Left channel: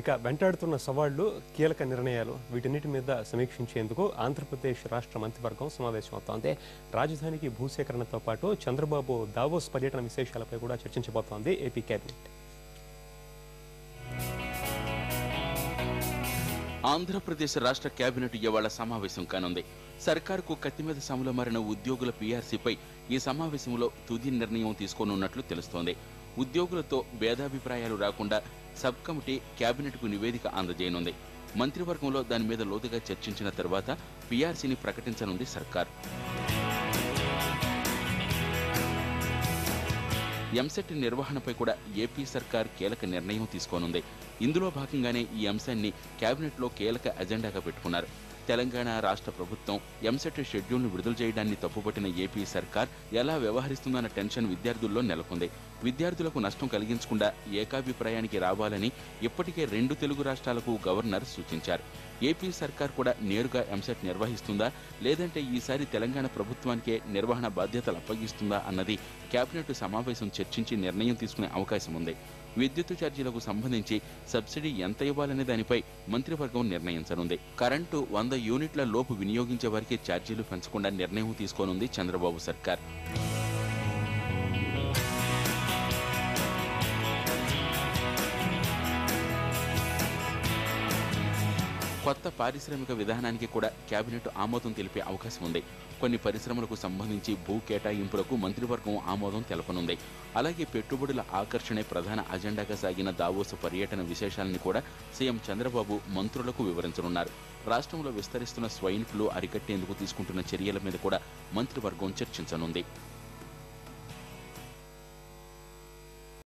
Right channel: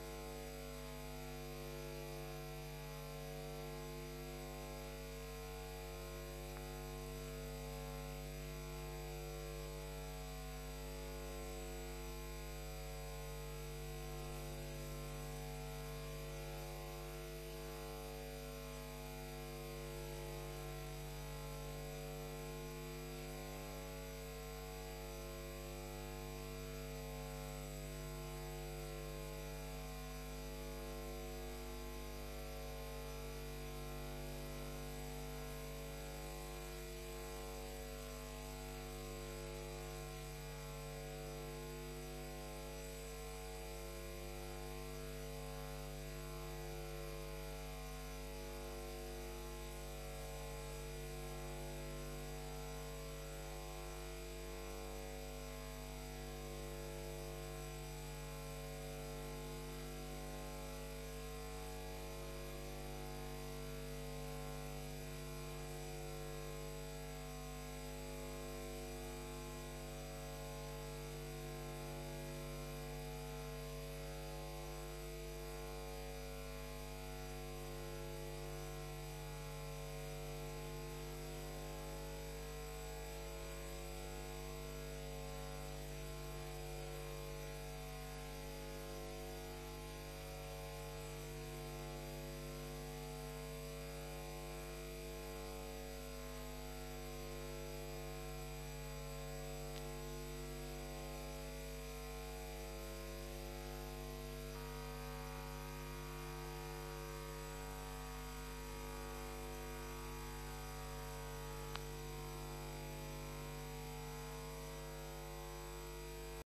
ఇక వెంటాడుతున్న సవాళ్లు, కీలక నిర్ణయాలు వీటన్నిటి మీద సమీక్షించేందుకు ఆంధ్రప్రదేశ్ రాష్ట్ర మంత్రివర్గం సమావేశమవుతోంది. రాజధానికి భూసేకరణతో పాటు చంద్రబాబు దావోస్ పర్యటన విశేషాలపై కూడా చర్చించబోతోంది ఏపీ కేబినెట్. ఆంధ్రప్రదేశ్ రాష్ట్ర కేబినెట్ ఇవాళ సమావేశం కానుంది. సర్కారుకు కత్తి మీద సాములో మారిన ఉద్యోగుల పీఆర్సీపై ఈ సమావేశంలో తుది నిర్ణయం తీసుకోనున్నట్లు తెలుస్తోంది. ఉద్యోగులతో భేదాభిప్రాయాలు రాకుండా సబ్ కమిటీ కేబినెట్కు నివేదిక అందజేయనుంది. మంత్రివర్గంలో దాని మీద లోతుగా చర్చించిన తర్వాత పీఆర్సీని ప్రకటించనుంది సర్కార్. ఎంసెట్ నిర్వహణపై కూడా ఏపీ సర్కార్ కీలక నిర్ణయం తీసుకోనుంది. ఇందులో భాగంగానే ఈ అంశాన్ని కేబినెట్లో కీలక ఎజెండాగా పెట్టుకున్నారు. తెలంగాణ రాష్ట్ర ప్రభుత్వం ఎంసెట్ షెడ్యూల్ను విడుదల చేయడాన్ని తప్పుపట్టిన ఏపీ సర్కార్ ఎలా వ్యవహరిస్తుందన్న టెన్షన్ విద్యార్థుల్లో నెలకొంది. విద్యార్థులకు నష్టం కలిగించకుండా ఏకాభిప్రాయానికి రావాలని ఇప్పటికే 2 తెలుగు రాష్ట్రాలకు గవర్నర్ సూచించారు. ఏపీ సర్కార్ కూడా నేరుగా ఎంసెట్ నిర్వహిస్తుందా, లేదంటే ఈసారి తెలంగాణ ప్రభుత్వానికే నిర్వహణ బాధ్యతలు అప్పగిస్తుందా అన్నది కేబినెట్ సమావేశం చర్చించి నిర్ణయం తీసుకునే అవకాశం ఉంది. విద్యుత్ ఛార్జీలకు సంబంధించి సబ్సిడీ ఎంత ఇవ్వాలనే దానిపై మంత్రివర్గం నిర్ణయించనుంది. కరెంటు 100 యూనిట్ల లోపు వినియోగించే వారికి ఛార్జీలు పెంచకుండా నిర్ణయం తీసుకోనుంది చంద్రబాబు సర్కార్. కొత్త పారిశ్రామిక విధానానికి కూడా కేబినెట్ ఆమోదం తెలిపే అవకాశం ఉంది. కొన్ని పరిశ్రమలకు సంబంధించి భూ కేటాయింపులకు మంత్రివర్గం ఆమోదం తెలపనుంది. అలాగే పెట్టుబడుల ఆకర్షణే ప్రధాన అజెండాగా సాగిన దావోస్ పర్యటన విశేషాలను కూడా సీఎం చంద్రబాబు మంత్రులకు వివరించనున్నారు. రాష్ట్రంలో విస్తరిస్తున్న స్వైన్ ఫ్లూ అరికట్టేందుకు తీసుకుంటున్న చర్యల మీద కూడా మంత్రివర్గం చర్చించనుంది.